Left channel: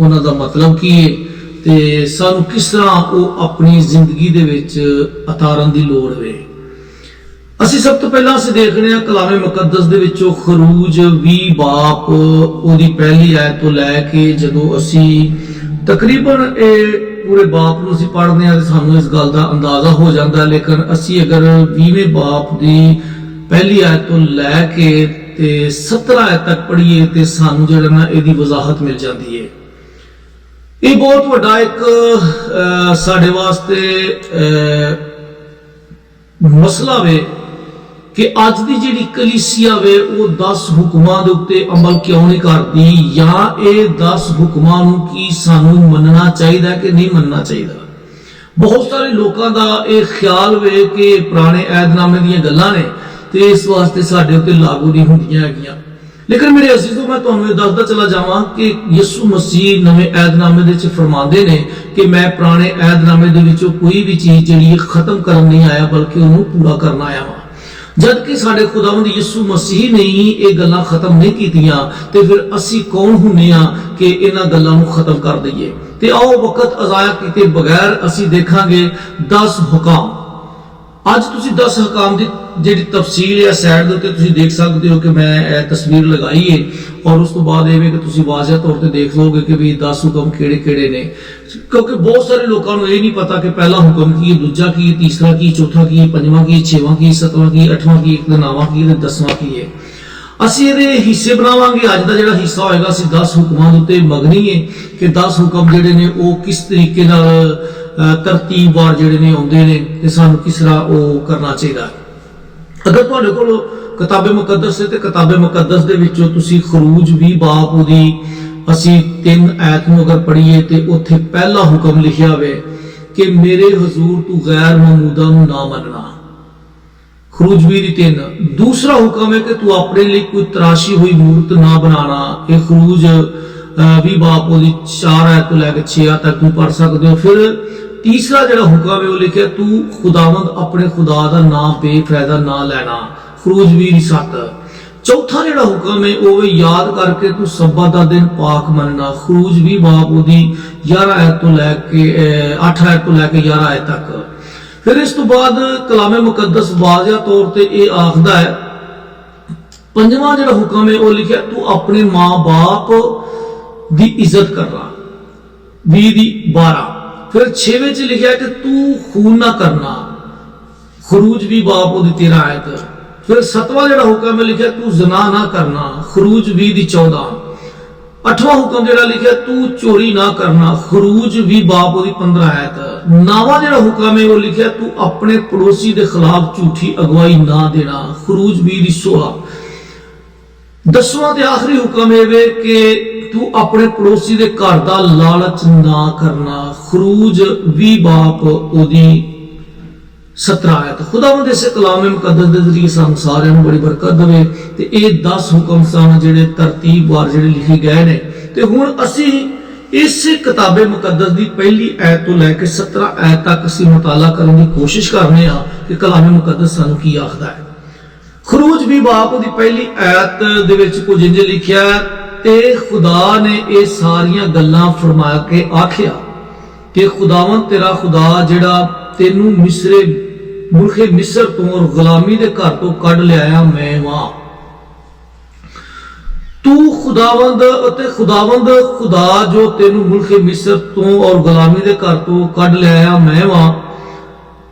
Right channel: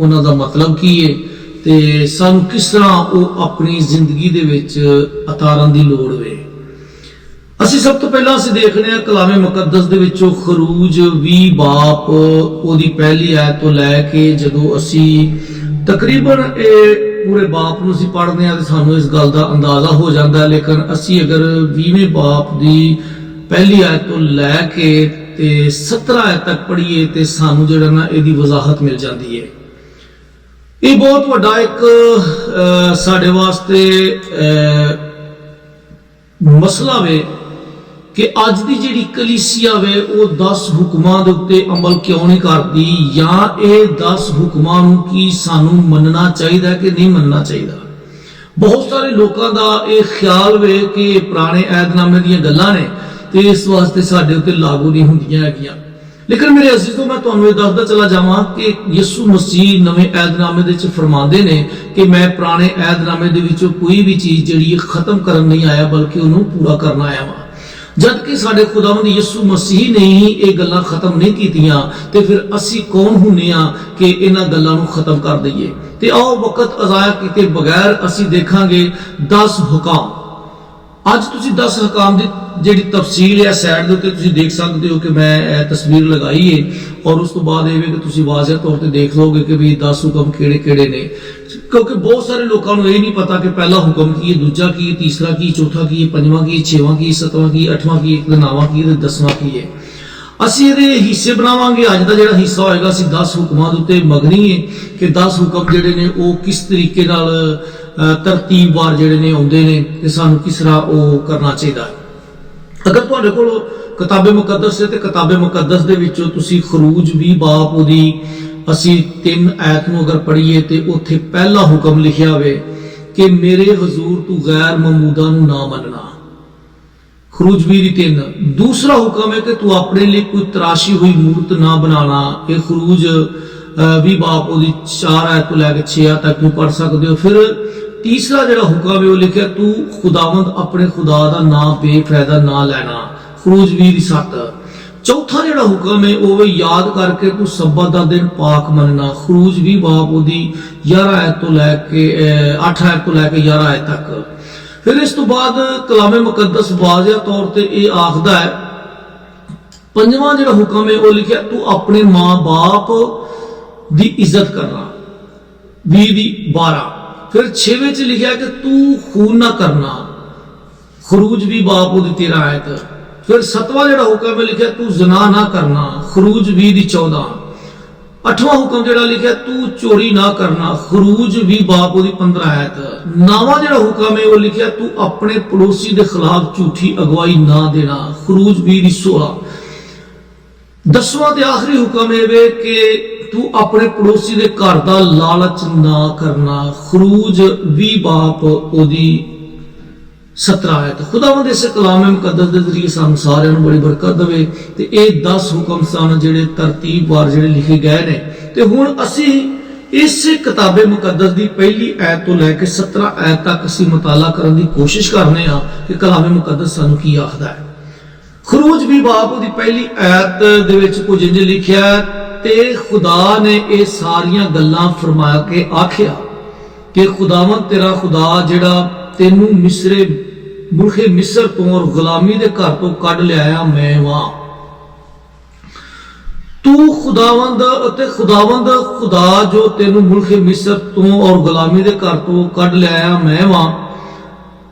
ਉਹਨਾਂ ਦਾ ਮਤਲਬ ਕੀ ਹੈ ਤੇ ਸਾਨੂੰ ਕਿਸ ਤਰ੍ਹਾਂ ਉਹ ਆਪਣੀ ਜ਼ਿੰਦਗੀ ਦੇ ਵਿੱਚ ਉਤਾਰਨ ਦੀ ਲੋੜ ਵੇ। ਅਸੀਂ ਸਭ ਤੋਂ ਪਹਿਲਾਂ ਅਸੀਂ ਦੇਖਦੇ ਹਾਂ ਕਲਾਮੇ ਮੁਕੱਦਸ ਦੇ ਵਿੱਚੋਂ ਖਰੂਜ 20 ਬਾਪ ਉਹਦੀ ਪਹਿਲੀ ਆਇਤ ਤੋਂ ਲੈ ਕੇ ਜਦੋਂ ਅਸੀਂ ਤਕਰੀਬਨ ਇਹ ਪੂਰੇ ਬਾਪ ਨੂੰ ਅਸੀਂ ਪੜ੍ਹਦੇ ਹਾਂ ਤੇ ਸਾਨੂੰ ਇਸ ਗੱਲ ਦਾ ਅੰਦਾਜ਼ਾ ਹੋ ਜਾਂਦਾ, ਲੇਕਿਨ ਅਸੀਂ ਅਗਰ 20ਵੇਂ ਬਾਪ ਦੀ ਪਹਿਲੀ ਆਇਤ ਤੋਂ ਲੈ ਕੇ ਤੇ 17 ਆਇਤ ਤੱਕ ਪੜ੍ਹੀਏ ਤੇ ਸਾਨੂੰ ਜਿਹੜਾ ਨਾ ਇਹਦੀ ਵਜ਼ਾਹਤ ਮਿਲ ਜਾਂਦੀ ਹੈ। ਇਹ ਬਹੁਤ ਵੱਡਾ ਇੱਕ ਸਾਡੇ ਵਾਸਤੇ ਮਸਲਾ ਵੇ ਕਿ ਅੱਜ ਦੀ ਜਿਹੜੀ ਕਲੀਸਿਆ ਵੇ ਉਹ 10 ਹੁਕਮਾਂ ਦੇ ਉੱਤੇ ਅਮਲ ਕਿਉਂ ਨਹੀਂ ਕਰਦੀ, ਜਾਂ ਇਹ 10 ਹੁਕਮਾਂ ਨੂੰ ਕੀ ਸਾਨੂੰ ਮੰਨਣਾ ਚਾਹੀਦਾ ਕਿ ਨਹੀਂ ਮੰਨਣਾ ਚਾਹੀਦਾ। ਬਹੁਤ ਸਾਰੇ ਲੋਕਾਂ ਦਾ ਇਹ ਖਿਆਲ ਵੇ ਕਿ ਪੁਰਾਣੇ ਏਧਨਾਮੇ ਦੀਆਂ ਗੱਲਾਂ ਨੇ ਤੇ ਇਸ ਵਾਸਤੇ ਸਾਡੇ ਉੱਤੇ ਲਾਗੂ ਨਹੀਂ ਹੁੰਦੀਆਂ ਹੈਗੀਆਂ। ਲੇਕਿਨ ਮੇਰੇ ਅਜ਼ੀਜ਼ੋ, ਮੈਂ ਤੁਹਾਨੂੰ ਇਹ ਦੱਸਦਾ ਚਲਾ ਜਾਵਾਂ ਕਿ ਯਿਸੂ ਮਸੀਹ ਨਵੇਂ ਏਧਨਾਮੇ ਦੇ ਵਿੱਚ ਫਰਮਾਉਂਦੇ ਨੇ ਕਿ ਮੈਂ ਪੁਰਾਣੇ ਏਧਨਾਮੇ ਦੇ ਵਿੱਚੋਂ ਕੋਈ ਵੀ ਚੀਜ਼ ਜਿਹੜੀ ਖਤਮ ਕਰਨ ਨਹੀਂ ਆਇਆ ਬਲਕਿ ਉਹਨੂੰ ਪੂਰਾ ਕਰਨ ਆਇਆ ਵਾਂ। ਜਦ ਕਿ ਸਾਡੇ ਖੁਦਾਵੰਦ ਯਿਸੂ ਮਸੀਹ ਨੇ ਹੀ ਇਹ ਗੱਲਾਂ ਖਤਮ ਨਹੀਂ ਕੀਤੀਆਂ ਤੇ ਫਿਰ ਅਸੀਂ ਕੌਣ ਹੁੰਨੇ ਆ ਕਿ ਇਹਨਾਂ ਗੱਲਾਂ ਨੂੰ ਖਤਮ ਕਰ ਦਈਏ। ਤੇ ਆਓ ਵਕਤ ਅਜ਼ਾਇਆ ਕੀਤੇ ਬਗੈਰ ਅਸੀਂ ਦੇਖਾਂਗੇ 10 ਹੁਕਮ। ਅੱਜ ਤੁਸੀਂ 10 ਹੁਕਮ ਦੀ ਜਿਹੜੀ ਤਫਸੀਲ ਹੈ ਸਾਈਡ ਦੇ ਉੱਤੇ ਤੁਸੀਂ ਦੇਖ ਸਕਦੇ ਹੋ ਕਿ ਮੈਂ ਇਹ ਤਸਵੀਰ ਲਗਾਈ ਹੈ, ਔਰ ਉਸ ਤੋਂ ਬਾਅਦ ਇਹ ਵੀ ਕਿ ਤੁਸੀਂ ਵਾਜ਼ਿਹ ਤੌਰ ਤੇ ਦੇਖ ਲਓਗੇ ਕਿ ਵੀ 10 ਹੁਕਮ ਕਿਹੜੇ ਕਿਹੜੇ ਨੇ, ਕਿਉਂਕਿ ਬਹੁਤ ਸਾਰੇ ਲੋਕਾਂ ਨੂੰ ਇਹ ਨਹੀਂ ਪਤਾ ਕਿ ਪਹਿਲਾ ਹੁਕਮ ਕੀ ਹੈ, ਦੂਜਾ ਕੀ ਹੈ, ਤੀਸਰਾ ਕੀ, ਚੌਥਾ ਕੀ, ਪੰਜਵਾਂ ਕੀ, ਛੇਵਾਂ ਕੀ, ਸੱਤਵਾਂ ਕੀ, ਅੱਠਵਾਂ ਕੀ, ਨੌਵਾਂ ਕੀ ਤੇ 10ਵਾਂ ਕੀ ਹੈ। ਅਸੀਂ ਇਹਦੇ ਹਿੱਸੇ ਬਣਾਵਾਂਗੇ। ਅੱਜ ਦਾ ਜਿਹੜਾ ਹਿੱਸਾ ਹੋਏਗਾ ਅਸੀਂ 10 ਹੁਕਮਾਂ ਦੇ ਉੱਤੇ ਮਗਨੀ ਹੈ ਕਿ 10 ਹੁਕਮ ਜਿਹੜੇ ਨੇ ਉਹ ਕਿਸ ਤਰੀਕੇ ਨਾਲ ਤਰਤੀਬਵਾਰ ਜਿਹੜੇ ਨੇ ਆਉਂਦੇ ਨੇ ਤੇ ਸਾਨੂੰ ਕਿਸ ਤਰ੍ਹਾਂ ਉਹ ਕਰਨਾ ਚਾਹੀਦਾ ਹੈ। ਅਗਰ ਤੁਹਾਡੇ ਕੋਲ ਕਿਤਾਬੇ ਮੁਕੱਦਸ ਹੈ ਤੇ ਕਿਤਾਬੇ ਮੁਕੱਦਸ ਦੇ ਵਿੱਚੋਂ ਤੁਸੀਂ ਖਰੂਜ 20 ਬਾਪ ਉਹਦੀ ਅਸੀਂ 3 ਆਇਤ ਨੂੰ ਅਗਰ ਪੜ੍ਹੀਏ ਤੇ ਉੱਥੇ ਪਹਿਲਾ ਹੁਕਮ ਲਿਖਿਆ ਹੋਵੇ ਕਿ ਮੇਰੇ ਹਜ਼ੂਰ ਤੂੰ ਗੈਰ ਮਮੂਦਾ ਨੂੰ ਨਾ ਮੰਨਣਾ। ਖਰੂਜ 20 ਦੀ 3। ਦੂਸਰਾ ਹੁਕਮ ਹੈ ਕਿ ਤੂੰ ਆਪਣੇ ਲਈ ਕੋਈ ਤਰਾਸ਼ੀ ਹੋਈ ਮੂਰਤ ਨਾ ਬਣਾਣਾ। ਇਹ ਖਰੂਜ 20 ਬਾਪ ਉਹਦੀ 4 ਆਇਤ ਤੋਂ ਲੈ ਕੇ 6 ਆਇਤ ਤੱਕ ਤੁਸੀਂ ਪੜ੍ਹ ਸਕਦੇ ਹੋ। ਫਿਰ ਤੀਸਰਾ ਜਿਹੜਾ ਹੁਕਮ ਹੈ ਉਹ ਲਿਖਿਆ ਤੂੰ ਖੁਦਾਵੰਦ ਆਪਣੇ ਖੁਦਾ ਦਾ ਨਾਮ ਬੇਫਾਇਦਾ ਨਾ ਲੈਣਾ। ਖਰੂਜ 20 ਦੀ 7। ਚੌਥਾ ਜਿਹੜਾ ਹੁਕਮ ਹੈ ਉਹ ਯਾਦ ਕਰਕੇ ਤੂੰ ਸਬਤ ਦਾ ਦਿਨ ਪਾਕ ਮੰਨਣਾ। ਖਰੂਜ 20 ਬਾਪ ਉਹਦੀ 11 ਆਇਤ ਤੋਂ ਲੈ ਕੇ 8 ਆਇਤ ਤੋਂ ਲੈ ਕੇ 11 ਆਇਤ ਤੱਕ। ਫਿਰ ਇਸ ਤੋਂ ਬਾਅਦ ਕਲਾਮੇ ਮੁਕੱਦਸ ਵਾਜ਼ਿਹ ਤੌਰ ਤੇ ਇਹ ਆਖਦਾ ਹੈ, ਪੰਜਵਾਂ ਜਿਹੜਾ ਹੁਕਮ ਹੈ ਉਹ ਲਿਖਿਆ ਤੂੰ ਆਪਣੇ ਮਾਂ-ਬਾਪ ਦੀ ਇੱਜ਼ਤ ਕਰਨਾ। 20 ਦੀ 12। ਫਿਰ 6ਵੇਂ ਚ ਲਿਖਿਆ ਕਿ ਤੂੰ ਖੂਨ ਨਾ ਕਰਨਾ। ਖਰੂਜ 20 ਬਾਪ ਉਹਦੀ 13 ਆਇਤ। ਫਿਰ 7ਵਾਂ ਜਿਹੜਾ ਹੁਕਮ ਹੈ ਲਿਖਿਆ ਤੂੰ ਜ਼ਨਾ ਨਾ ਕਰਨਾ। ਖਰੂਜ 20 ਦੀ 14। 8ਵਾਂ ਹੁਕਮ ਜਿਹੜਾ ਲਿਖਿਆ ਤੂੰ ਚੋਰੀ ਨਾ ਕਰਨਾ। ਖਰੂਜ 20 ਬਾਪ ਉਹਦੀ 15 ਆਇਤ। 9ਵਾਂ ਜਿਹੜਾ ਹੁਕਮ ਹੈ ਉਹ ਲਿਖਿਆ ਤੂੰ ਆਪਣੇ ਪੜੋਸੀ ਦੇ ਖਿਲਾਫ ਝੂਠੀ ਅਗਵਾਈ ਨਾ ਦੇਣਾ। ਖਰੂਜ 20 ਦੀ 16। 10ਵਾਂ ਤੇ ਆਖਰੀ ਹੁਕਮ ਇਹ ਵੇ ਕਿ ਤੂੰ ਆਪਣੇ ਪੜੋਸੀ ਦੇ ਘਰ ਦਾ ਲਾਲਚ ਨਾ ਕਰਨਾ। ਖਰੂਜ 20 ਬਾਪ ਉਹਦੀ 17 ਆਇਤ। ਖੁਦਾਵੰਦ ਇਸ ਕਲਾਮੇ ਮੁਕੱਦਸ ਦੇ ਜ਼ਰੀਏ ਸਾਨੂੰ ਸਾਰਿਆਂ ਨੂੰ ਬੜੀ ਬਰਕਤ ਦੇਵੇ ਤੇ ਇਹ 10 ਹੁਕਮ ਸਨ ਜਿਹੜੇ ਤਰਤੀਬਵਾਰ ਜਿਹੜੇ ਲਿਖੇ ਗਏ ਨੇ। ਤੇ ਹੁਣ ਅਸੀਂ ਇਸ ਕਿਤਾਬੇ ਮੁਕੱਦਸ ਦੀ ਪਹਿਲੀ ਆਇਤ ਤੋਂ ਲੈ ਕੇ 17 ਆਇਤ ਤੱਕ ਅਸੀਂ ਮੁਤਾਲਾ ਕਰਨ ਦੀ ਕੋਸ਼ਿਸ਼ ਕਰਨੇ ਆ ਕਿ ਕਲਾਮੇ ਮੁਕੱਦਸ ਸਾਨੂੰ ਕੀ ਆਖਦਾ ਹੈ। ਖਰੂਜ 20 ਬਾਪ ਉਹਦੀ ਪਹਿਲੀ ਆਇਤ ਦੇ ਵਿੱਚ ਕੁਝ ਇੰਜ ਲਿਖਿਆ ਤੇ ਖੁਦਾ ਨੇ ਇਹ ਸਾਰੀਆਂ ਗੱਲਾਂ ਫਰਮਾ ਕੇ ਆਖਿਆ ਕਿ ਖੁਦਾਵੰਦ ਤੇਰਾ ਖੁਦਾ ਜਿਹੜਾ ਤੈਨੂੰ ਮੁਲਕੇ ਮਿਸਰ ਤੋਂ ਔਰ ਗੁਲਾਮੀ ਦੇ ਘਰ ਤੋਂ ਕੱਢ ਲਿਆਇਆ ਮੈਂ ਵਾਂ। ਤੂੰ ਖੁਦਾਵੰਦ ਅਤੇ ਖੁਦਾਵੰਦ ਖੁਦਾ ਜੋ ਤੈਨੂੰ ਮੁਲਕੇ ਮਿਸਰ ਤੋਂ ਔਰ ਗੁਲਾਮੀ ਦੇ ਘਰ ਤੋਂ ਕੱਢ ਲਿਆਇਆ ਮੈਂ ਵਾਂ।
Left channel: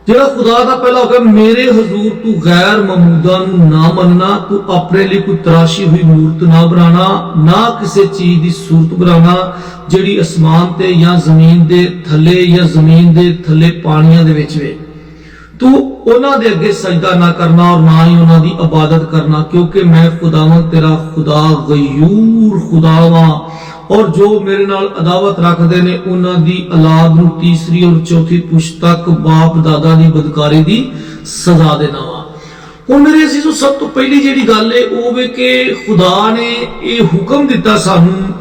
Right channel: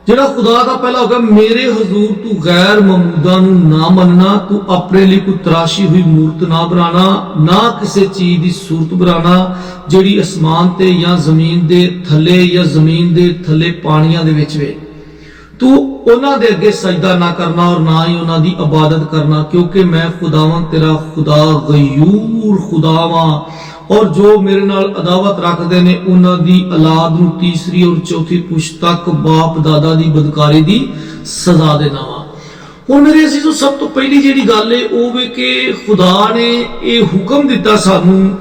ਜਿਹੜਾ ਖੁਦਾ ਦਾ ਪਹਿਲਾ ਹੁਕਮ ਮੇਰੇ ਹਜ਼ੂਰ ਤੂੰ ਗੈਰ ਮਮੂਦਾ ਨੂੰ ਨਾ ਮੰਨਣਾ। ਤੂੰ ਆਪਣੇ ਲਈ ਕੋਈ ਤਰਾਸ਼ੀ ਹੋਈ ਮੂਰਤ ਨਾ ਬਣਾਣਾ, ਨਾ ਕਿਸੇ ਚੀਜ਼ ਦੀ ਸੂਰਤ ਬਣਾਣਾ ਜਿਹੜੀ ਅਸਮਾਨ ਤੇ ਜਾਂ ਜ਼ਮੀਨ ਦੇ ਥੱਲੇ ਜਾਂ ਜ਼ਮੀਨ ਦੇ ਥੱਲੇ ਪਾਣੀਆਂ ਦੇ ਵਿੱਚ ਵੇ। ਤੂੰ ਉਹਨਾਂ ਦੇ ਅੱਗੇ ਸਜਦਾ ਨਾ ਕਰਨਾ ਔਰ ਨਾ ਹੀ ਉਹਨਾਂ ਦੀ ਇਬਾਦਤ ਕਰਨਾ, ਕਿਉਂਕਿ ਮੈਂ ਖੁਦਾਵੰਦ ਤੇਰਾ ਖੁਦਾ ਗਯੂਰ ਖੁਦਾ ਵਾਂ ਔਰ ਜੋ ਮੇਰੇ ਨਾਲ ਅਦਾਵਤ ਰੱਖਦੇ ਨੇ ਉਹਨਾਂ ਦੀ ਔਲਾਦ ਨੂੰ ਤੀਸਰੀ ਔਰ ਚੌਥੀ ਪੁਸ਼ਤ ਤੱਕ ਬਾਪ ਦਾਦਾ ਦੀ ਬਦਕਾਰੀ ਦੀ ਸਜ਼ਾ ਦੇਣਾ ਵਾ। ਹੁਣ ਮੇਰੇ ਅਜ਼ੀਜ਼ੋ, ਸਭ ਤੋਂ ਪਹਿਲੀ ਜਿਹੜੀ ਗੱਲ ਹੈ ਉਹ ਵੇ ਕਿ ਖੁਦਾ ਨੇ ਇਹ ਹੁਕਮ ਦਿੱਤਾ ਸਾਨੂੰ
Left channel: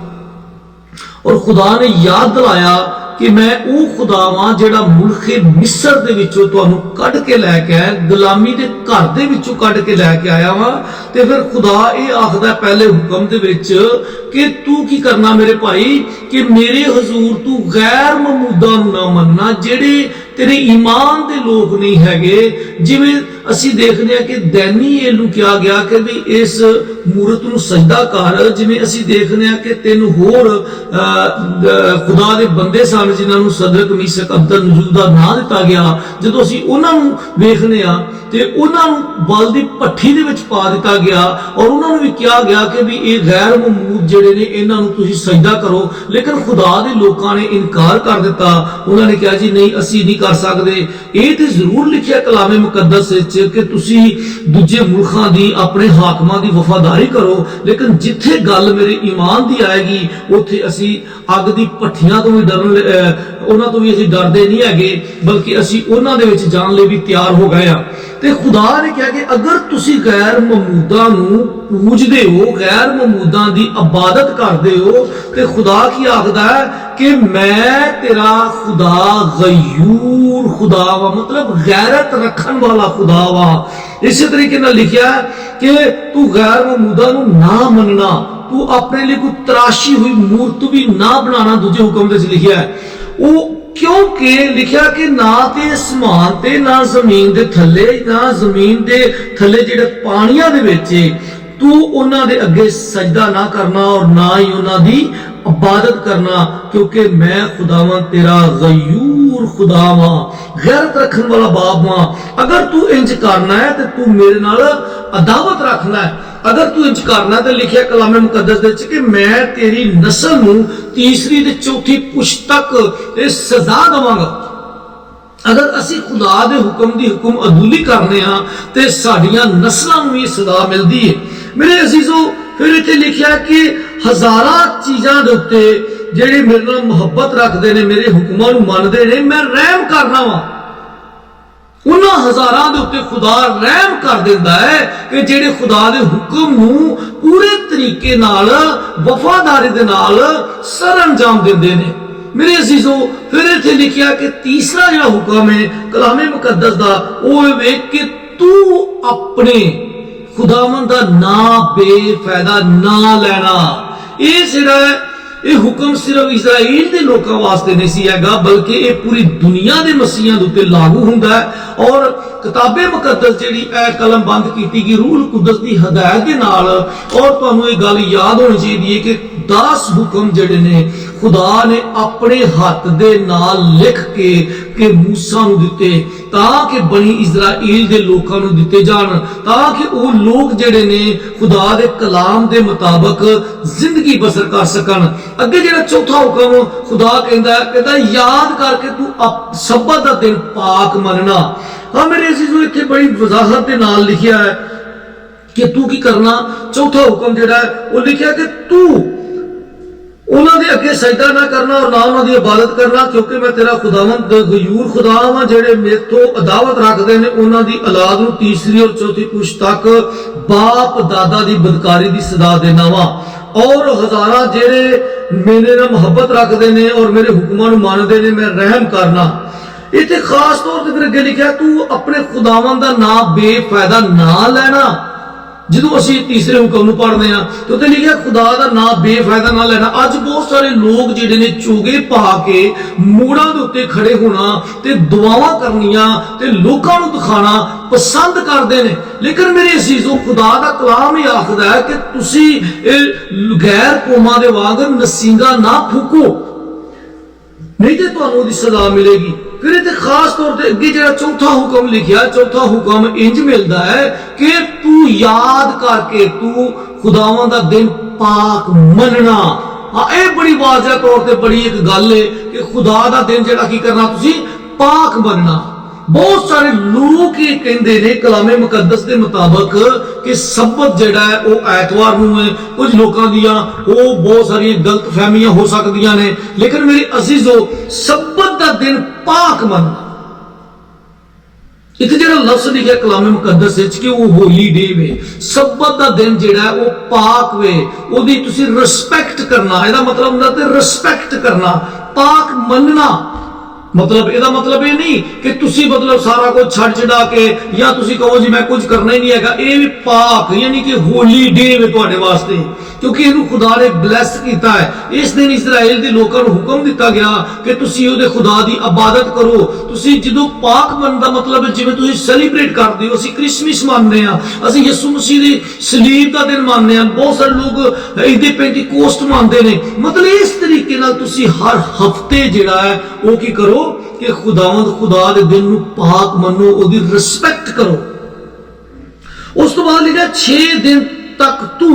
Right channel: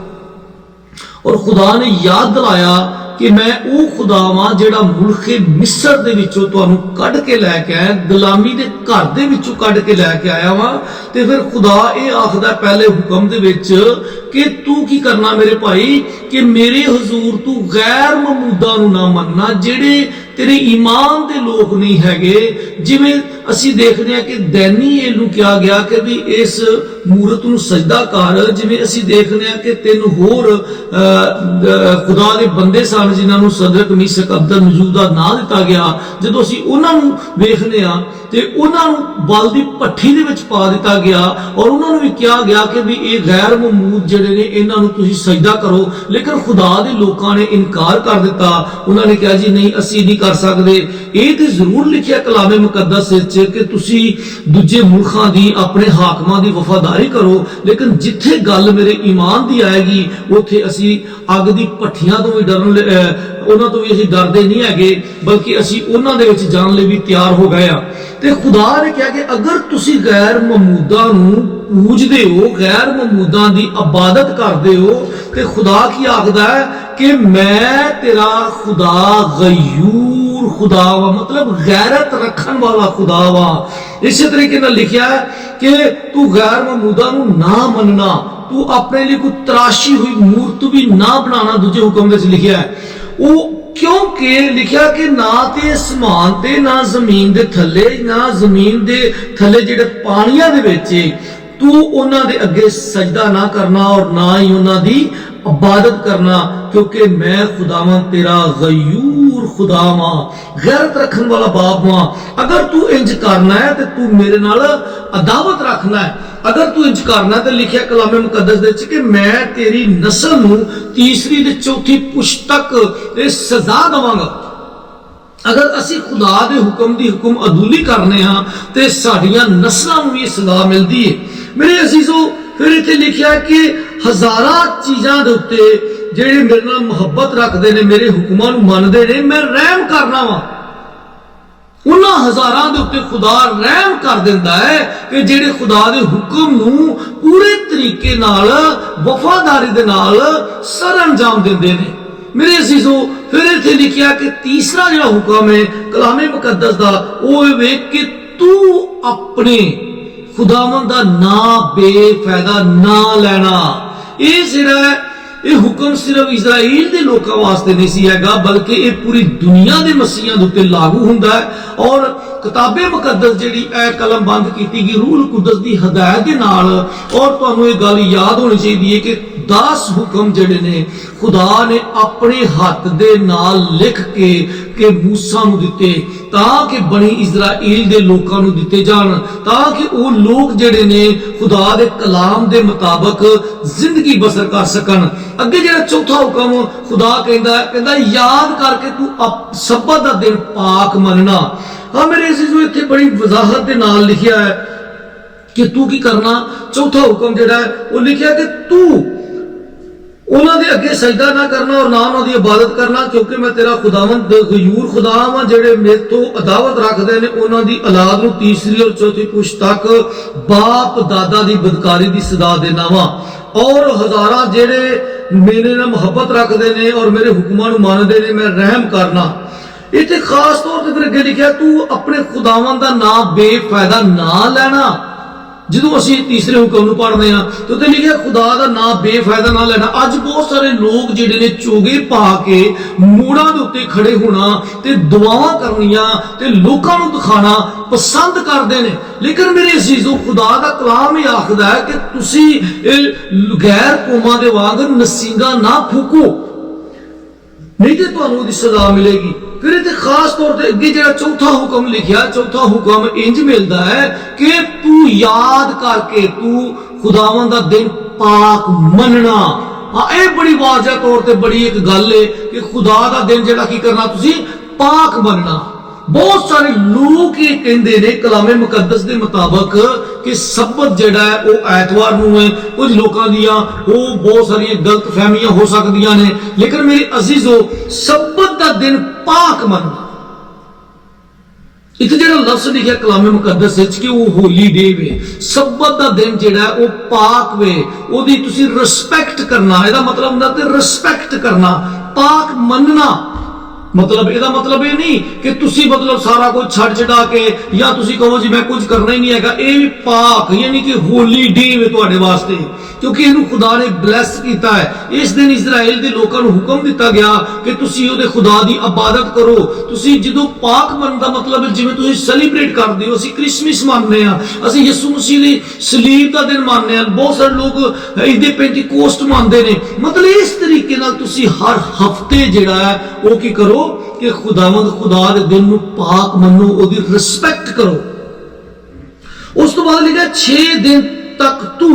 ਔਰ ਖੁਦਾ ਨੇ ਯਾਦ ਦਿਲਾਇਆ ਕਿ ਮੈਂ ਉਹ ਖੁਦਾ ਵਾਂ ਜਿਹੜਾ ਮੁਲਕੇ ਮਿਸਰ ਦੇ ਵਿੱਚੋਂ ਤੁਹਾਨੂੰ ਕੱਢ ਕੇ ਲੈ ਕੇ ਆਇਆ, ਗੁਲਾਮੀ ਦੇ ਘਰ ਦੇ ਵਿੱਚੋਂ ਕੱਢ ਕੇ ਲੈ ਕੇ ਆਇਆ ਵਾਂ। ਤੇ ਫਿਰ ਖੁਦਾ ਇਹ ਆਖਦਾ ਪਹਿਲੇ ਹੁਕਮ ਦੇ ਵਿੱਚ कि तू की करना मेरे भाई कि मेरे हजूर तू गैर ममूदा नूं ना मनना जेड़े तेरे ईमान दे लोग नहीं हैगे। जिवें ਅਸੀਂ देखने आ कि दैनीएल नूं किया गया कि भी इस मूरत नूं सजदा कर। जिवें ਅਸੀਂ देखने आ कि तीन होर खुदा दे बंदे सन जिन्हां नूं सदरक मीशक अब्दल नजूर दा नाम दिता गया। जदों ਅਸੀਂ उन्हां नूं वेखने आ ते उन्हां नूं बल दी भट्ठी दे विच पा दिता गया और उन्हां नूं भी किया गया कि भी ये गैर ममूद जिहड़े ने इन्हां नूं तुसीं सजदा करो। लेकिन खुदा दे लोकां ने इनकार कर दिता। उन्हां ने कहा जी नहीं असीं नहीं कर सकदे। ਇਹ ਤੇ ਜ਼ਰੂਰ ਲਿਖਿਆ ਕਲਾਮੇ ਮੁਕੱਦਸ ਵਿੱਚ ਕਿ ਤੁਸੀਂ ਦੂਜੇ ਮੁਲਕਾਂ ਦੀ ਆਪਣੇ ਹਾਕਮਾਂ ਦੀ ਵਫਾਦਾਰੀ ਕਰੋ, ਲੇਕਿਨ ਜਿੱਥੇ ਗੱਲ ਮੇਰੇ ਈਮਾਨ ਦੀ ਆਏਗੀ ਉੱਥੇ ਅਸੀਂ ਅੱਗ ਦੀ ਭੱਠੀਆਂ ਤੋਂ ਵੀ ਉਹਨਾਂ ਤੋਂ ਵੀ ਅਸੀਂ ਡਰਦੇ ਨਹੀਂ ਹੈਗੇ, ਬਲਕਿ ਅਸੀਂ ਉਹਨਾਂ ਦੇ ਵਿੱਚ ਜਾਣ ਲਈ ਵੀ ਤਿਆਰ ਹੋ ਗਏ ਆ। ਤੇ ਖੁਦਾ ਨੇ ਕਿਹਾ ਕਿ ਅਗਰ ਤੁਸੀਂ ਗੈਰ ਮਮੂਦਾਂ ਨੂੰ ਪੂਜਦੇ ਹੋ, ਗੈਰ ਮਮੂਦਾਂ ਦੀ ਇਬਾਦਤ ਕਰਦੇ ਹੋ, ਤੇ ਖੁਦਾ ਕੀ ਆਖਦਾ ਹੈ कि मैं तेरा खुदा गयूर खुदा वा, मतलब गैरत रखन वाला खुदा वा। इसी तरीके नाल लिखिया है कि तू गैर ममूदा नूं ना मनना, तू अपने लिए कोई तराशी हुई मूर्त भी ना बनाना। दूजे हुक्म दे लिखिया है वो क्योंकि लिखिया कि ना ते आसमान ते ना जमीन दे थल्ले ना जमीन दे थल्ले जिहड़े पानियां दे विच तू उन्हां दे अगे सजदा ना करना और ना ही उन्हां दी इबादत करना, क्योंकि मैं खुदावां तेरा गयूर खुदा वां, गैरत रखन वाला बाप वां। अगर तू इंज करना है तो तू मेरे नाल अदावत रखना है। अगर तू इंज करना है तो लिखिया कलामे मुकद्दस दे कि मैं तेरी नस्ल नूं तीसरी ते चौथी पुश्त तक सजा दवांगा। अगर असी खुदा दे हुक्म दी हुक्म अदूली करने हाँ तो साडियां नस्लां नूं भी सजा मिलदी है। मेरे अजीजों फिर इत्थे लिखिया कि हजारां चीज़ां दे उत्ते जेड़े मेरे नाल मुहब्बत रखदे ने, मेरे हुक्मां नूं मनदे ने, मैं रहम करना वा। उन्हां हजारां दे उत्ते खुदा रहम कर दिंदा है कि जेड़े खुदा दे हुक्म नूं पूरे तरीके नाल वफादारी दे नाल सर अंजाम दिंदे ने। मेरे अजीजों फिर इत्थे लिखिया कि तीसरा जिहड़ा हुक्म है कलामे मुकद्दस दा ओह वे कि तू अपने खुदावंद दा ना बेफायदा ना लेना। ये जिहड़ा ये हुक्म सिर्फ इजराइल दे लोकां वास्ते नहीं सी हैगा, बल्कि ये पूरी दुनिया दे मसीहां दे उत्ते लागू हुंदा है। और किताबे मुकद्दस जिहड़ी ए कलम बंद कीती गई रूह कुदस दी हदायत दे नाल। और तुहानूं ये गल याद होनी चाहिए है कि 10 हुक्म जिहड़े ने खुदा ने अपने हाथ दे नाल लिख के मूसा नूं दिते ताकि बनी इजराइल दे लोकां नूं दिते जाण, ताकि वो लोग जिहड़े ने खुदा दे कलाम दे मुताबिक जिंदगी बसर कर सकन। अगे जिहड़ा चौथा हुक्म खुदा कहंदा याद करके तू सब्बत दा दिन पाक मनना। हाँ मेरे अजीजों इत्थे बड़ी वजाहत दे नाल लिखिया है कि तू की करना। चौथा हुक्म जिहड़ा है वो लिखिया कि तू उन्हां दे अगे सजदा ना करना और ना उन्हां दी इबादत करना, क्योंकि मैं तेरा खुदावंद गयूर खुदा वां। जेड़े मेरे तो अदावत रखदे ने उन्हां दी औलाद नूं तीसरी और चौथी पुश्त तक बाप दादा दी बदकारी दी सदा देना वां। और हजारां जेड़े मेरे नाल मुहब्बत रखदे ने और मेरे हुक्मां नूं मनदे ने मैं रहम करना। इत्थे खास तौर ते फिर अगे लिखिया तू अपने खुदावंद दा नाम बेफायदा ना लेना। ਜਦੋਂ ਅਸੀਂ ਤੀਸਰੇ ਹੁਕਮ ਨੂੰ ਪੜ੍ਹਦੇ ਆ ਤੇ ਉੱਤੇ ਲਿਖਿਆ ਖੁਦਾ ਦਾ ਨਾਮ ਬੇਫਾਇਦਾ ਨਾ ਲੈਣਾ। ਅੱਜ ਬਹੁਤ ਸਾਰੇ ਲੋਕ ਜਿਹੜੇ ਨੇ ਚੋਗੇ ਪਾ ਕੇ ਮੋੜਾਂ ਦੇ ਉੱਤੇ ਖੜੇ ਹੋਣਾ ਤੇ ਦੁਆਵਾਂ ਕਰਨੀਆਂ ਤੇ ਲੋਕਾਂ ਨੂੰ ਦਿਖਾਣਾ ਪਸੰਦ ਕਰਦੇ ਨੇ। ਲੇਕਿਨ ਮੇਰੇ ਅਜ਼ੀਜ਼ੋ ਖੁਦਾ ਦਾ ਕਲਾਮ ਹੀ ਆਖਦਾ ਹੈ ਕਿ ਤੁਸੀਂ ਗੈਰ ਕੌਮਾਂ ਦੇ ਵਾਂਗ ਨਸੀਂਗਾ ਨਾ ਫੂਕੋ, नहीं तो तुहानूं ओहदी सज़ा मिलेगी। फिर इत्थे खास तौर पर अगे जिहड़ा चौथा हुक्म लिखिया, चौथा हुक्म इंज मिलता है कि तू याद करके तू खुदावंद दा दिन पाक मनना। हाँ ये बड़ी वाज़ह तौर पर बड़ी एक गल है कि खुदा दा दिन जिहड़ा की करना तुसीं पाक मनना। बहुत सारे लोग ये कहते ने कलामे मुकद्दस के मुताबिक कि सबत जिहड़ा है वो ऐतवार नूं है। कुछ लोगों दियां वो बहुत सारी गलत फहमियां हो सकदियां ने, लेकिन मेरे अजीजो सबत दा दिन पाक मनना। इत्थे जिहड़ा लफ्ज़ लिखिया कलामे मुकद्दस विच कि वो होली डे वे, सबत दा दिन जिहड़ा है वो पाक वे, ओदी तुसीं रिस्पैक्ट करना। इहदा मतलब हुंदा कि रिस्पैक्ट करना, पाक मनना। मतलब ਇਹਦਾ मतलब ਇਹ ਨਹੀਂ ਕਿ ਤੁਸੀਂ मतलब ਸਾਰਾ ਕੁਝ ਛੱਡ ਛਡਾ ਕੇ ਜਾਂ ਤੁਸੀਂ ਕਹੋ ਜੀ ਮੈਂ ਕੁਝ ਕਰਨਾ ਹੀ ਨਹੀਂ ਹੈਗਾ। ਇਹ ਵੀ ਪਾਕ ਯਾਨੀ ਕਿ ਹੋਲੀ ਡੇ ਹੈ ਤੁਹਾਡੇ ਵਾਸਤੇ, ਕਿਉਂਕਿ ਇਹਨੂੰ ਖੁਦਾ ਨੇ ਬਲੈਸ ਕੀਤਾ ਹੈ। ਇਸ ਦਿਨ ਇਜ਼ਰਾਈਲ ਦੇ ਲੋਕਾਂ ਨੂੰ ਹੁਕਮ ਦਿੱਤਾ ਗਿਆ ਕਿ ਤੁਸੀਂ ਉਹਦੇ ਖੁਦਾ ਦੀ ਇਬਾਦਤ ਕਰੋ। ਤੁਸੀਂ ਜਦੋਂ ਪਾਕ ਮੰਨਣ ਦਾ मतलब ਜਿਵੇਂ ਤੁਸੀਂ ਸੈਲੀਬ੍ਰੇਟ ਕਰਦੇ ਹੋ, ਅਸੀਂ ਕ੍ਰਿਸਮਸ ਮੰਨਦੇ ਹਾਂ, ਅਸੀਂ ਯਿਸੂ ਮਸੀਹ ਦੀ ਸਲੀਬ ਦਾ ਦਿਨ ਮੰਨਦੇ ਹਾਂ, ਬਹੁਤ ਸਾਰੇ ਲੋਕ ਇਹਦੇ ਪੈਂਤੀਕੋਸਟ ਮੰਨਦੇ ਨੇ। मतलब ਇਸ ਤਰੀਕੇ ਨਾਲ ਤੁਸੀਂ ਹਰ ਹਫਤੇ ਜਿਹੜਾ ਹੈ ਉਹ ਕੀ ਕਰੋ कि खुदावंद खुदा दे दिन नूं पाक मनो, ओदी रिस्पेक्ट करो। उस तो बाद लिखा 6 दिन तक तू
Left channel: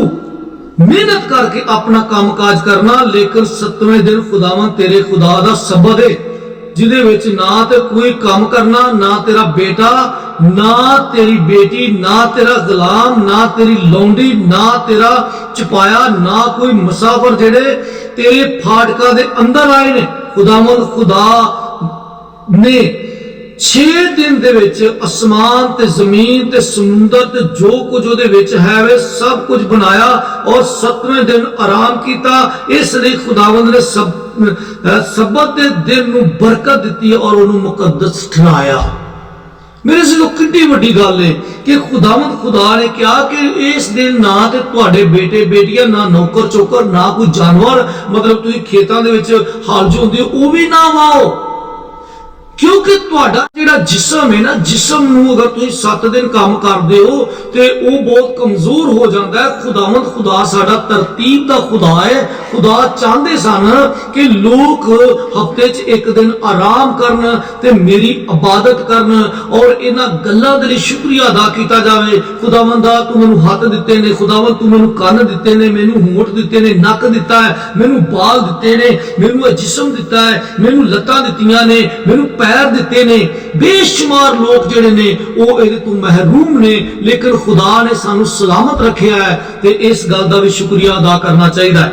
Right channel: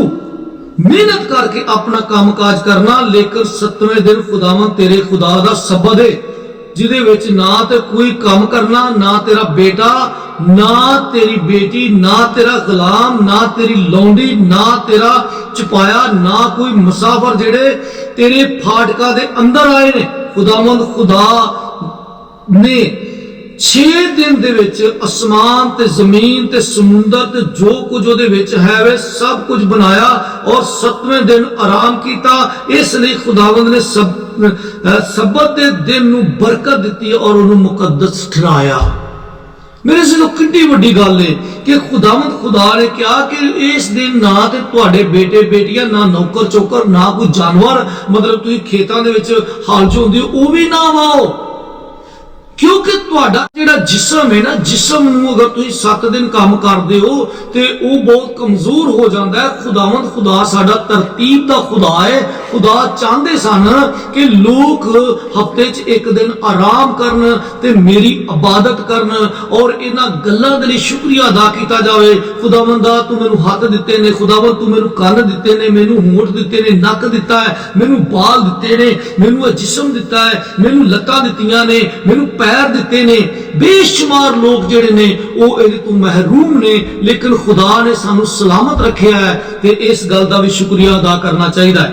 मेहनत करके अपना काम काज करना, लेकिन 7वें दिन खुदावंद तेरे खुदा दा सबत है, जिदे विच ना ते कोई काम करना, ना तेरा बेटा, ना तेरी बेटी, ना तेरा गुलाम, ना तेरी लौंडी, ना तेरा चपाया, ना कोई मुसाफिर जेड़े तेरे फाटका दे अंदर आए ने। खुदावंद खुदा ने 6 दिन दे विच आसमान ते जमीन ते समुंदर ते जो कुछ उहदे विच है वे सब कुछ बनाया और 7वें दिन आराम कीता। इसलिए खुदावंद ने सबत दे दिन नूं बरकत दित्ती और उहनूं मुकद्दस ठहराया। मेरे से कितनी वड्डी गल है कि खुदावंद खुदा ने कहा कि इस दिन ना ते तुहाडे बेटे बेटियां, ना नौकर चौकर, ना कोई जानवर, मतलब तुसीं खेतां दे विच हल जोंदे हो वो भी ना वाओ, क्योंकि तुहाडा जिहड़ा जिस्म है ना, जिस्म नूं अगर तुसीं 7 दिन काम करदे हो ते वो बहुत कमजोर हो जाता है। खुदावंद खुदा साडा तरतीब दा खुदा है। खुदा चाहते सन कि लोग हफ्ते च 1 दिन आराम करन ते मेरी इबादत करन और इन्हां गल्लां दे लई शुक्रिया अदा कीता जावे। खुदावंदा तू मैनूं हत्थ दित्ते ने, खुदावंद तू मैनूं कंन दित्ते ने, मैनूं होंठ दित्ते ने, नक दित्ता है, मैनूं बाल दित्ते ने, मैनूं जिस्म दित्ता है, मैनूं लत्तां दित्तियां ने, मैनूं पैर दिते ने। बेशुमार लोग जिहड़े ने वो इहदे तो महरूम ने, लेकिन खुदा ने सानू सलामत रखिया है ते इस गल दा भी शुक्रिया अदा करना चाहिए है।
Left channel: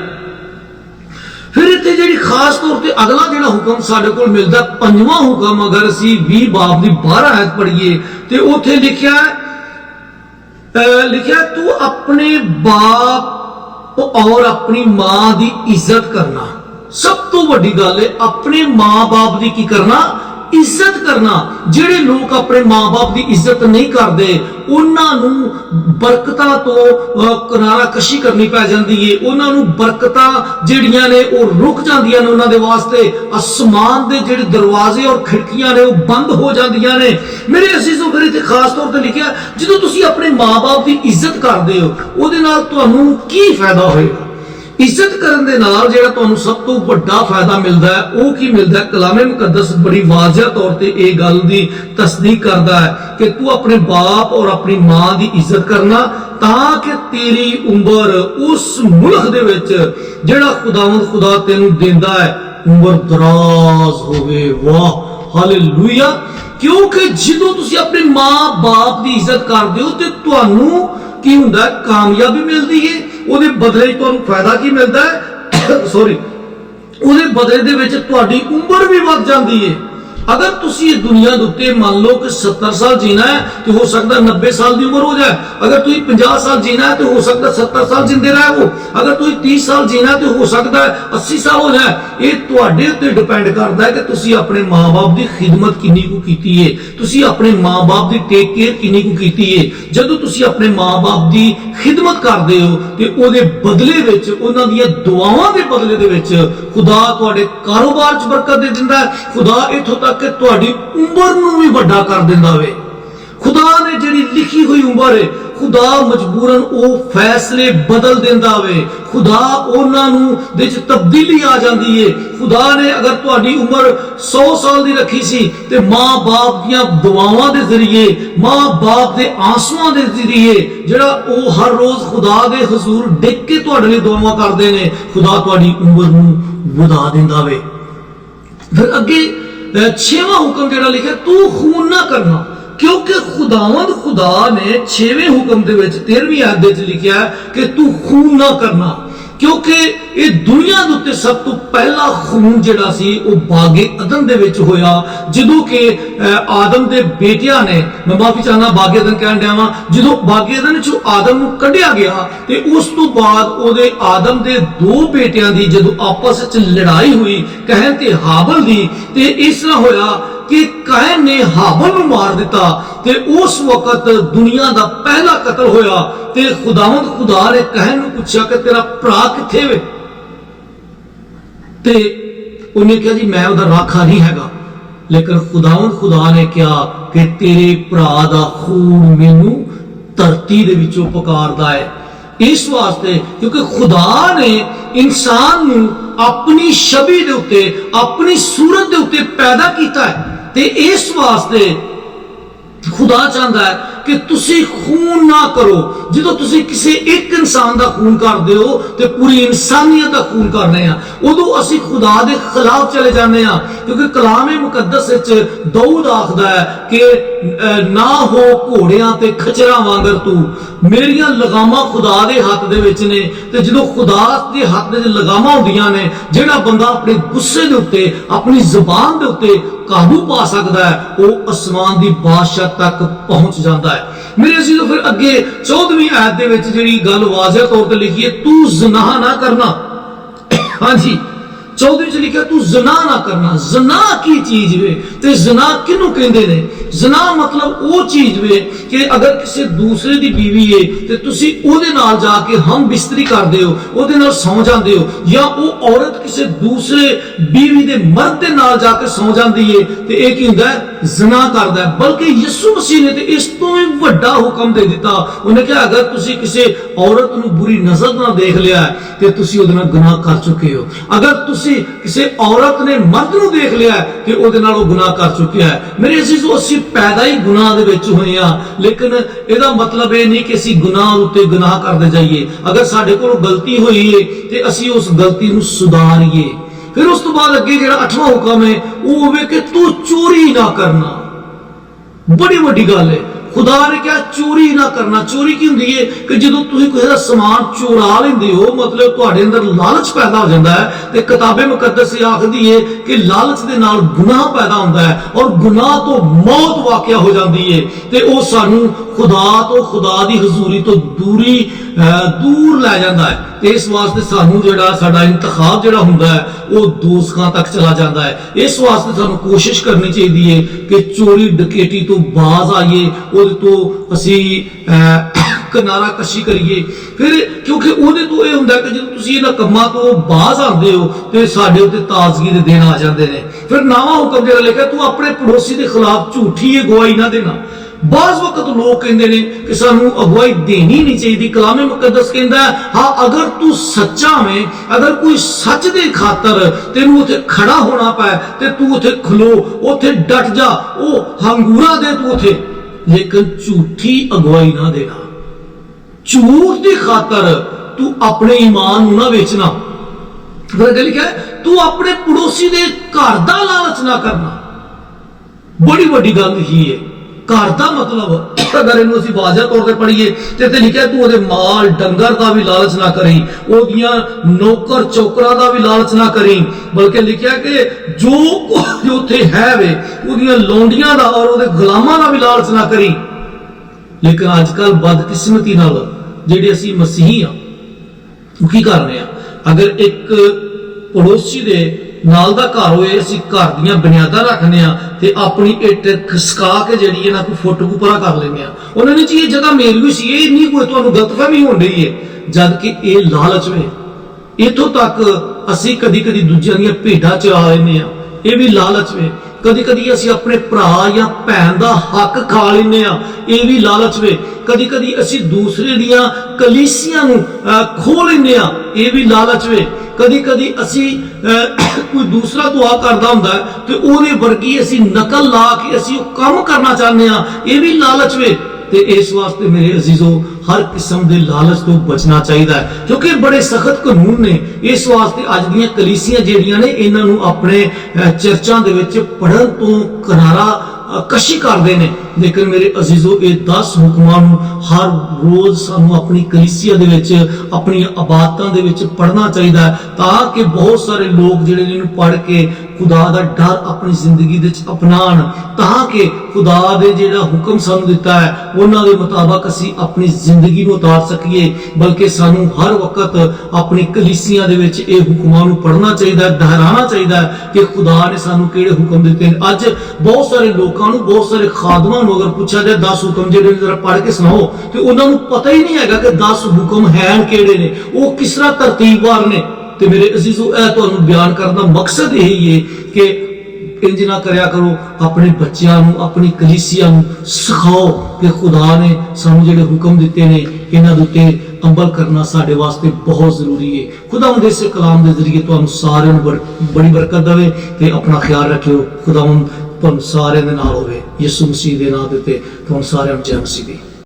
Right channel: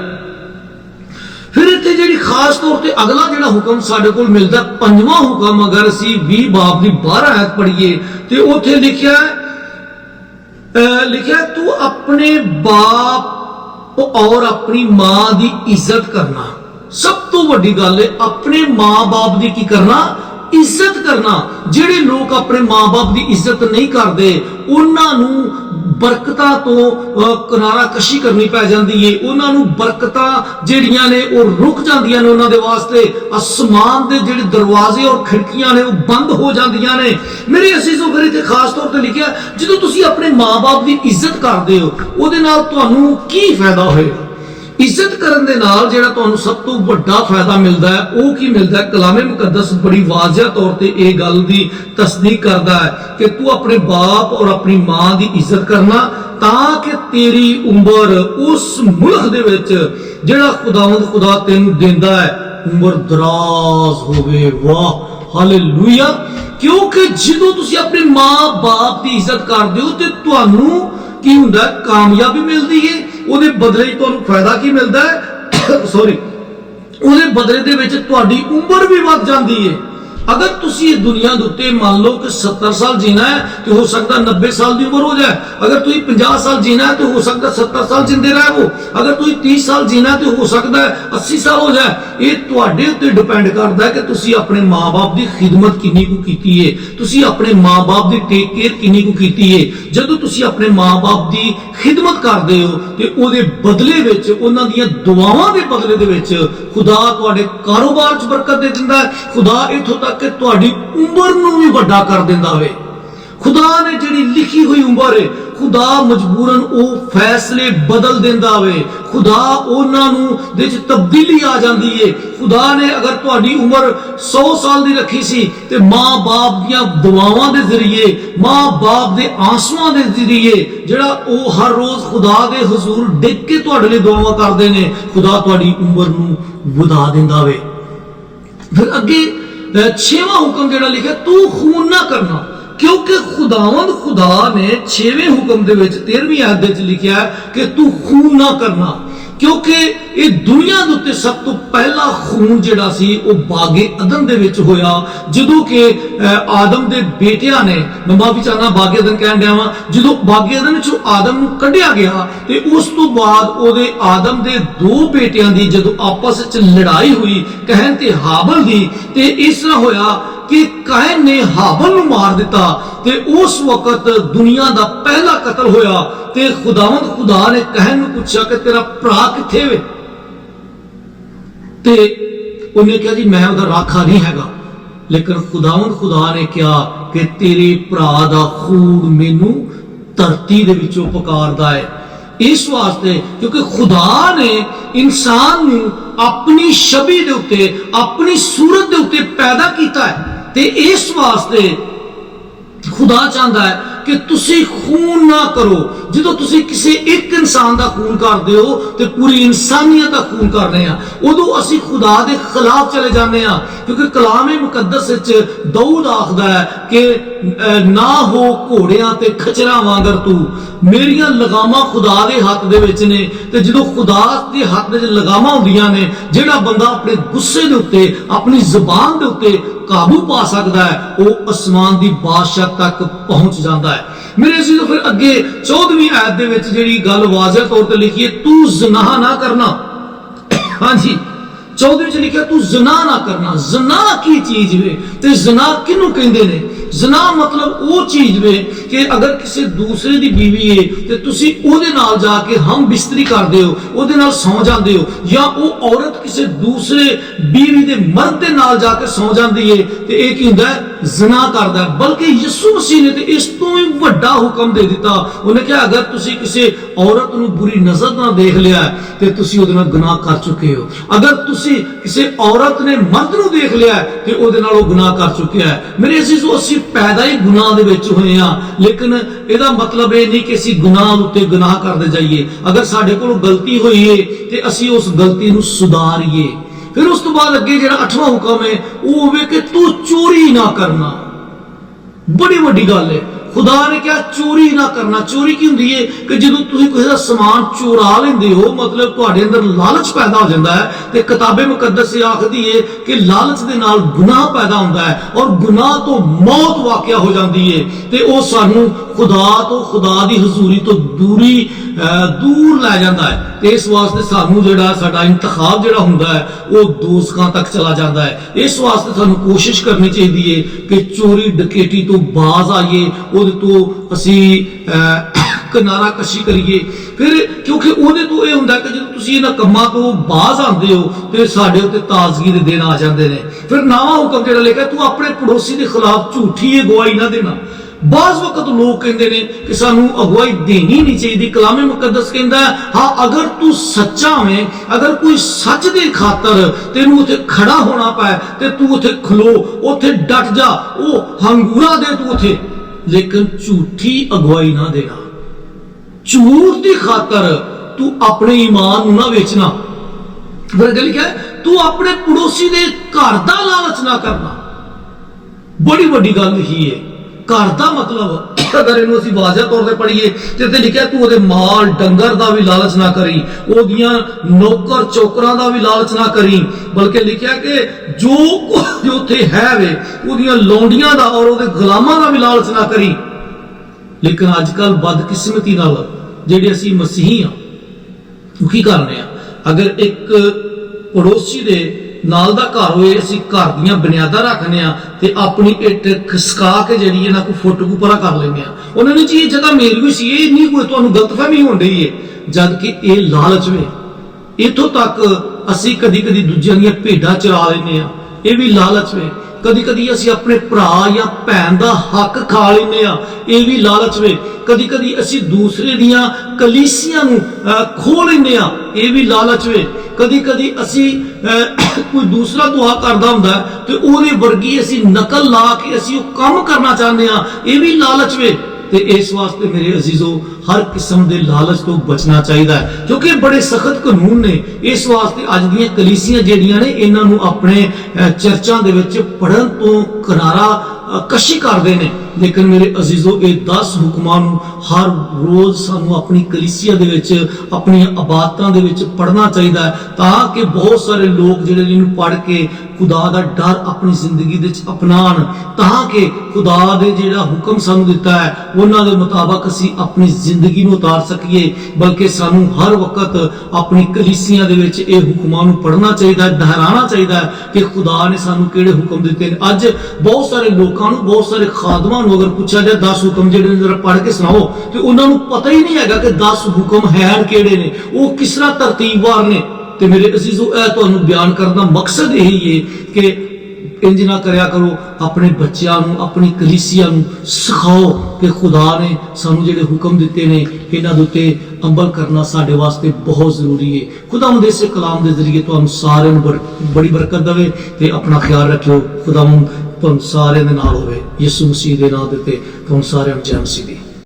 फिर इत्थे जिहड़ी खास तौर ते अगला जिहड़ा हुक्म साडे कोल मिलदा, 5वां हुक्म, अगर असीं 20 बाब दी 12 आयत पढ़ीए ते उत्थे लिखिया है तू अपने बाप और अपनी मां दी इज्जत करना। सब तो वड्डी गल है अपने मां बाप दी की करना, इज्जत करना। जिहड़े लोग अपने मां बाप की इज्जत नहीं करते उन्हां नूं बरकतां तो किनारा कशी करनी पै जाती है। उन्हां नूं बरकतां जिहड़ियां ने वो रुक जांदियां ने, उन्हां दे वास्ते आसमान दे जिहड़े दरवाजे और खिड़कियां ने वो बंद हो जांदियां ने। मेरे अजीजों, फिर इत्थे खास तौर ते लिखिया जदों तुसीं अपने मां बाप की इज्जत करदे हो उहदे नाल तुहानूं की फायदा होएगा। इज्जत करन दे नाल जिहड़ा तुहानूं सब तो वड्डा फायदा मिलदा है वो की मिलदा है। कलामे मुकद्दस बड़ी वाज़िह तौर ते इह गल दी तस्दीक करदा है कि तू अपने बाप और अपनी मां दी इज्जत करना ताकि तेरी उम्र उस मुल्क दे विच जिहड़ा खुदावंद खुदा तैनूं देंदा है उम्र दराज होवे। वाह, हालेलुया। क्योंकि जदों तुसीं अपने मां बाप दी इज्जत करदे हो ते तुहानूं की हुंदा है, कामयाबी मिलदी है। ਉਹਦੇ ਬਦਲੇ ਤੁਹਾਨੂੰ ਫਾਇਦਾ ਕੀ ਮਿਲਦਾ ਹੈ ਸੌਰੀ ਉਹਦੇ ਬਦਲੇ ਦੇ ਵਿੱਚ ਤੁਹਾਡੀ ਉਮਰ ਵੀ ਵੱਧ ਜਾਂਦੀ ਹੈ। अगर तुसी इस दुनिया के उत्ते मान लो कि 70 साल जीना है तो हो सकता 90 साल की उम्र हो जाए। अगर तुसी 50 साल जीना है तो हो सकता 70 साल जिंदे रह वो। अगर तुसी 30 साल जीना है तो हो सकता है 80 साल हो जाए। ये तुहाडे उत्ते डिपेंड करता है कि तुसी अपने माँ बाप की खिदमत किन्नी कु कीती है, तुसी अपने माँ बाप की टेक केयर किन्नी कु कीती है। जदों तुसी अपने माँ बाप की खिदमत करते हो तो उहदे बदले विच उन्हां दीयां दुआवां दे बदले दे विच खुदा तुहाडे कारोबार च बरकत दे दिंदा है। खुदा इत्थों तक कि तुहाडी उम्र नूं भी वड्डा कर दिंदा वे। खुदा ने जिहड़ी लिखी हुई उम्र है खुदा मजबूरन वो फैसले बदल दिंदा वे। खुदा उन्हां नूं दे विच तब्दीली आ जांदी है। खुदा ने अगर तुहाडी उम्र 100 साल दी रखी सी ते मां बाप दीयां दुआवां दे जरिए, मां बाप दे आंसुआं दे जरिए जिहड़ा वो हर रोज खुदा दे हुजूर डिग के तुहाडे लई दुआवां करदे ने, खुदा तुहाडी उम्र नूं वधा दिंदा वे। फिर अगे 6वां हुक्म जिहड़ा लिखिआ तू खून ना करना, क्योंकि खुदावंद खुदा ने 6वें हुक्म दे विच 13वीं आयत दे विच लिखिआ कि तू खून ना करना। क्योंकि ये दुनिया दे उत्ते सब तो पहला खून जिहड़ा सी वो बागे अदन दे विच होया, जदों कि आदम दे बेटियां ने, मैं माफी चाहना बागे अदन कहन दिया वां, जदों बागे अदन चों आदम नूं कढिया गया ते उस तो बाद ओदे आदम दे दो बेटियां दी जदों आपस विच लड़ाई हुई कहन ते हाबल दी, ते इस तरह होया कि कैन ने हाबल नूं मार दिता ते उस वक्त दुनिया दा पहला कत्ल होया। ते खुदावंद खुदा ने कहन नूं पूछा कि तेरा भरा किथे वे, ते उन्हें कहा जी मैं उहदा राखा नहीं हैगा, लेकिन खुदावंद खुदा ने कहा कि तेरे भरा दा खून मैनू धरती दे विचों पुकारदा है। इस वास्ते क्योंकि खुदा ने इंसान नूं अपनी छवि दे उत्ते अपनी सूरत दे उत्ते पैदा कीता है, ते इस वास्ते खुदा चाहता है कि तुसी खून ना करो। जो तुसी किसी एक इंसान का खून करते हो तो पूरी इंसानियत का खून करने उदों असी खुदा के खिलाफ चले जाने, क्योंकि कलाम मुकद्दस दाऊद आखदा है कि ना हो घोड़ियां ते खचरा वांगर तू, मेरिया लगामा खुदा दे हाथ दे विच ने, ते जो खुदा के हाथ दे लगामा हुंदियां ने, जिहड़ा बंदा अपने गुस्से दे उत्ते अपनी जबान दे उत्ते काबू पा सकता है वो आसमान की बादशाह तक पहुंच जाता है। मेरे अजीजों फिर अगे 14वीं आयत दे विच जिहड़ी गल वाज़ह तौर पर लिखी है, तू ज़िना ना करना। हाँ जी, 14वीं च लिखा तू ज़िना ना करना। ज़िना की चीज वे ते ज़िना किनू कहंदे ने? ज़िना मतलब वो चीज वे कि अगर किसी दूसरे दी बीवी है ते तुसी ओदे नाल जाके हम बिस्तरी करदे हो, ओदे नाल सौ जांदे हो, या वो औरत किसी दूसरे बीवी दे मर्द दे नाल जाके सौ जांदी है, ते इह की हुंदा है? ज़िना करदा है। बल्कि यीशु मसीह ने ते इस तो भी वड्डा हुक्म दे दिता। उन्हें कहा अगर तुसी किसी औरत नूं बुरी नजर नाल देख लिया है ते तुसी ओदे नाल गुनाह कर चुके हो। अगर तुसी किसी औरत ने मर्द नूं देख लिया है ते ओदे नाल वो गुनाह कर चुका है। मेरे अजीजों असीं पैदा ही गुनाह दे विच होए हां, लेकिन इहदा मतलब ये नहीं कि असीं गुनाह उत्ते गुनाह करदे जाइए। अगर साडे कोलों गलती हुई है ते असीं उस गलती नूं सुधारीए। फिर उस तो बाद अगे जिहड़ा 8वां हुक्म है वो होवे कि तू चोरी ना करना। बड़ी वड्डी गल है। खुदा ने क्या चोरी ना करना। चोरी की हुंदी है कि जदों तुसीं किसी दा समान चोरा लेंदे हो, मतलब तुहाडे अंदर लालच पैदा हो जाता है, ते किताबे मुकद्दस आखदी है कि लालच दे नाल गुनाह पैदा होता है और गुनाह तो मौत वाक़या हो जाती है, ते वो सानू खुदा तो खुदा दी हजूरी तो दूर लै जाता है। ते इस वास्ते सानू जिहड़ा साडा इंतखाब जिहड़ा हुंदा है वो दोज़खां तक चला जाता है। इस वास्ते सानू कोशिश करनी चाहिए है कि चोरी डकैती तो बाज आइए, ਉਹਦੇ ਤੋਂ ਅਸੀਂ ਕਿਨਾਰਾ ਕਸ਼ੀ ਕਰੀਏ। ਫਿਰ ਕਿਉਂਕਿ ਉਹਦੇ ਤੋਂ ਇਹ ਹੁੰਦਾ ਕਿ ਜਦੋਂ ਤੁਸੀਂ ਇਹਨਾਂ ਕੰਮਾਂ ਤੋਂ ਬਾਜ਼ ਆਉਂਦੇ ਹੋ ਤੇ ਸਾਡੇ ਉੱਤੇ ਤਾਜ਼ਗੀ ਦੇ ਦਿਨ ਆ ਜਾਂਦੇ ਨੇ। ਫਿਰ ਨਵਾਂ ਹੁਕਮ ਜਿਹੜਾ ਲਿਖਿਆ ਤੂੰ ਆਪਣੇ ਪੜੋਸੀ ਦੇ ਖਿਲਾਫ ਝੂਠੀ ਅਗਵਾਈ ਨਾ ਦੇਣਾ। बाज़ वक्त लोग कहते हैं कि सानू अगवाई देनी नहीं चाहिए। कलामे मुकद्दस कहता है हाँ अगर तू सच्चा में, अगर कोई सच दे खातर तेनू उथे खड़ा होना पाए ते तू उथे खलो, उथे डट जा, वो हंगूरा दे तू उथे, लेकिन झूठी अगवाई ना देना। झूठ की खातर तू अपने ईमान नू ना बेचना। फिर अगे लिखा है तू अपने पड़ोसी दे घर दा लालच ना करना। बड़ी वड्डी गल लिखी है। घर का मतलब अगर इनू असीं वाज़ह तौर पर पढ़ीए तो इत्थे लिखा तू उहदे माल डंगर का भी लालच ना करी, ओदियां नौकर चौकरां का भी लालच ना करी, बल्कि लिखा कि जो कुछ उत्थे है वे ओदियां लौंडियां दा और उहदे गुलामां का भी लालच ना करी। लेकिन अजकल बदकिस्मती नाल जिहड़े असीं मसीही हां ओह की करने आ, अगर एक पड़ोसी दे नाल दा घर होए असीं घर दीयां बुनियादां रखने ते अपनी इट खसका के जिहड़ी है ना कोई फुट को परा कर लेने उन्होंने ने जी ये जगह मेरी भी सी, ये नहीं कोई तुहानूं गलतफहमी होण डई है, जबकि ये लालच वे। इत्थों तक असीं कदी कदी दूजियां दीयां भेडां चरा लैने आ, ये भी लालच वे। कदी कदी असीं अपने भरा या भैन दा हक खा लैने आ, ये भी लालच वे। कदी कदी असीं दूसरे दियां कलीसियां नूं खो लैने आ, ये भी लालच वे। कदी कदी असी कोई दूसरा दुआ करदा हुंदा है ते ओहदे वर्गी असी नकल ला के असी वो काम करना चाहते हैं, ये भी लालच वे। ते इस वास्ते मेरे अजीजों हर किस्म के लालच तो बचना चाहिए, क्योंकि बड़े सख्त कानून ने। इस वास्ते अज दी कलीसियां जिहड़ियां ने इन्हां नूं अपने चर्चां दे विच पढ़न तो किनारा कशी करदे ने ਲੇਕਿਨ ਮੇਰੇ ਅਜ਼ੀਜ਼ੋ ਇਹ 10 ਹੁਕਮਾਂ ਨੂੰ ਹਰ ਰੋਜ਼ ਸਾਨੂੰ ਆਪਣੀ ਕਲੀਸਿਆ ਦੇ ਵਿੱਚ ਆਪਣੀਆਂ ਇਬਾਦਤਾਂ ਦੇ ਵਿੱਚ ਪੜ੍ਹਨਾ ਚਾਹੀਦਾ ਹੈ, ਤਾਂ ਕਿ ਬਹੁਤ ਸਾਰੇ ਲੋਕ ਜਿਹੜੇ ਇਹਨੂੰ ਪੜ੍ਹ ਕੇ ਖੁਦਾ ਦਾ ਡਰ ਆਪਣੀ ਜ਼ਿੰਦਗੀ ਦੇ ਵਿੱਚ ਅਪਣਾਉਣ, ਤਾਂ ਕਿ ਖੁਦਾ ਦੇ ਜਿਹੜਾ ਹੁਕਮ ਸਾਨੂੰ ਦਿੱਤਾ ਹੈ ਉਹਨਾਂ ਦੇ ਮੁਤਾਬਕ ਅਸੀਂ ਆਪਣੀ ਜ਼ਿੰਦਗੀ ਨੂੰ ਉਤਾਰ ਸਕੀਏ। ਬਲਕਿ ਸਾਨੂੰ ਹਰ ਵਕਤ ਆਪਣੀ ਕਲੀਸਿਆਂ ਦੇ ਵਿੱਚ ਇਹ ਹੁਕਮਾਂ ਨੂੰ ਪੜ੍ਹਨਾ ਚਾਹੀਦਾ ਹੈ, ਦੁਹਰਾਉਣਾ ਚਾਹੀਦਾ ਹੈ ਕਿ ਖੁਦਾ ਨੇ ਸਾਨੂੰ ਕਿਹੜੇ ਹੁਕਮ ਦਿੱਤੇ ਨੇ। ਅੱਜ ਬਹੁਤ ਸਾਰੇ ਲੋਕਾਂ ਨੂੰ, ਬਹੁਤ ਸਾਰੇ ਖਾਦਮਾਂ ਨੂੰ ਅਗਰ ਪੁੱਛਿਆ ਜਾਏ 10 ਹੁਕਮ ਜਿਹੜੇ ਨੇ ਜ਼ਰਾ ਪੜ੍ਹ ਕੇ ਸੁਣਾਓ, ਤੇ ਉਹਨਾਂ ਨੂੰ ਪਤਾ ਹੀ ਨਹੀਂ ਹੈਗਾ ਕਿ 10 ਹੁਕਮ ਹੈ ਕਿਹੜੇ ਨੇ, ਉਹ ਕਿਸ ਤਰ੍ਹਾਂ ਤਰਤੀਬਵਾਰ ਨੇ। ਤੇ ਮੇਰੇ ਅਜ਼ੀਜ਼ੋ, ਇਹ ਤੁਹਾਨੂੰ ਬਿਆਨ ਕਰਨ ਦਾ ਮਕਸਦ ਇਹੀ ਹੈ ਕਿ ਇੰਜ ਨਾ ਕਰਿਆ ਕਰੋ, ਆਪਣੇ ਬੱਚਿਆਂ ਨੂੰ, ਆਪਣੀ ਕਲੀਸਿਆ ਨੂੰ ਸਿਖਾਓ ਕਿ ਖੁਦਾ ਨੇ ਸਾਨੂੰ ਜਿਹੜੇ ਹੁਕਮ ਦਿੱਤੇ ਨੇ ਇਹਨਾਂ ਦੇ ਉੱਤੇ ਅਮਲ ਕਰਨਾ ਸਾਡੇ ਵਾਸਤੇ ਬਹੁਤ ਜ਼ਰੂਰੀ ਹੈ। ਖੁਦਾਵੰਦ ਇਸੇ ਕਲਾਮ ਦੇ ਜ਼ਰੀਏ ਤੁਹਾਨੂੰ ਸਾਰਿਆਂ ਨੂੰ ਬੜੀ ਬਰਕਤ ਦੇਵੇ ਤੇ ਆਪਣਾ ਖਿਆਲ ਰੱਖਿਓ। ਖੁਦਾਵੰਦ ਤੁਹਾਨੂੰ ਸਾਰਿਆਂ ਦੇ ਨਾਲ ਹੋਵੇ। ਯਿਸੂ ਮਸੀਹ ਦੇ ਨਾਮ ਦੇ ਉੱਤੇ ਤੁਹਾਨੂੰ ਸਾਰਿਆਂ ਨੂੰ ਜੈ ਮਸੀਹ ਦੀ।